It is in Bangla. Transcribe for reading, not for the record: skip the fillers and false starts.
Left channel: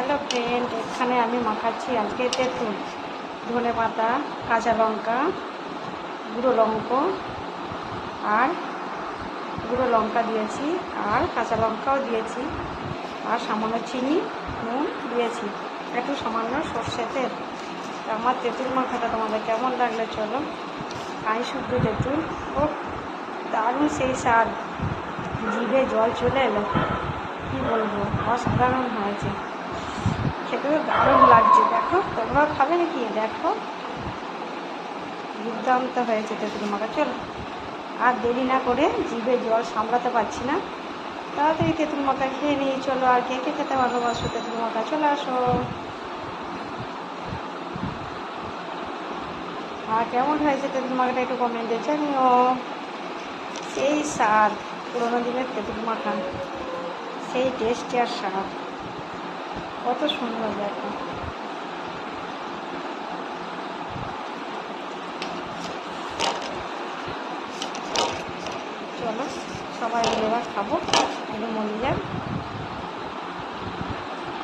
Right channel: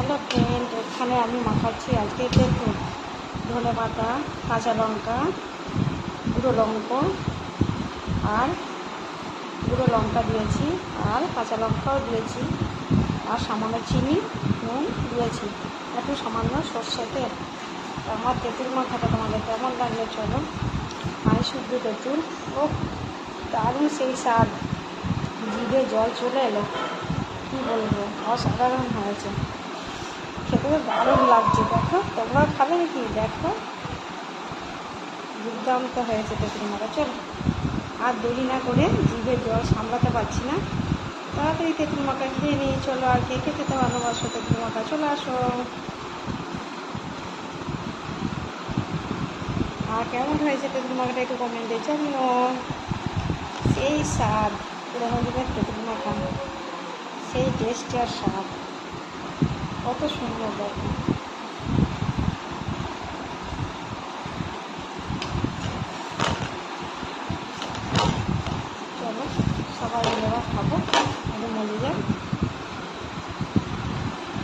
হ্যালো ফ্রেন্ড, এখানে আমি মাখাচ্ছি আজকে তেঁতুল, ধনে পাতা, কাঁচা লঙ্কা, গুঁড়ো লঙ্কা দিয়েছি, আর কাঁচা লঙ্কাও দিয়েছি, আর সামান্য চিনি, নুন দিয়েছি, একটু সামান্য সর্ষে তেল। আমার তেঁতুল মাখাটা তোমাদের কেমন লাগলে চলো। খাই শুদ্ধ তেঁতুল, ও দারুণ সেই স্বাদ, জিভে জল চলে এলো, কী বলবো, অসাধারণ হয়েছে, খেতে তো দারুণ লাগছে। দেখো, তোমরাও খাবে নাকি? দেখো, দুর্দান্ত হয়েছে তেঁতুল মাখা। চলো, আর দেরি না করে, জিভে জল সামলাতে পারছি না, তাড়াতাড়ি তেঁতুল মাখা খেয়ে নিই। চলো, আর কে কে খেতে ভালোবাসো তেঁতুল মাখা, চলে আসো। আর কেমন হয়েছে তেঁতুল মাখাটা একটু কমেন্টে জানিও। সেই স্বাদ, পুরোনো দিনের তেঁতুল মাখা, সেই টেস্টি আর স্বাদ, কত সুন্দর দেখো। চলো, সবাই মিলে এবার খাবো, একটু মরে যান।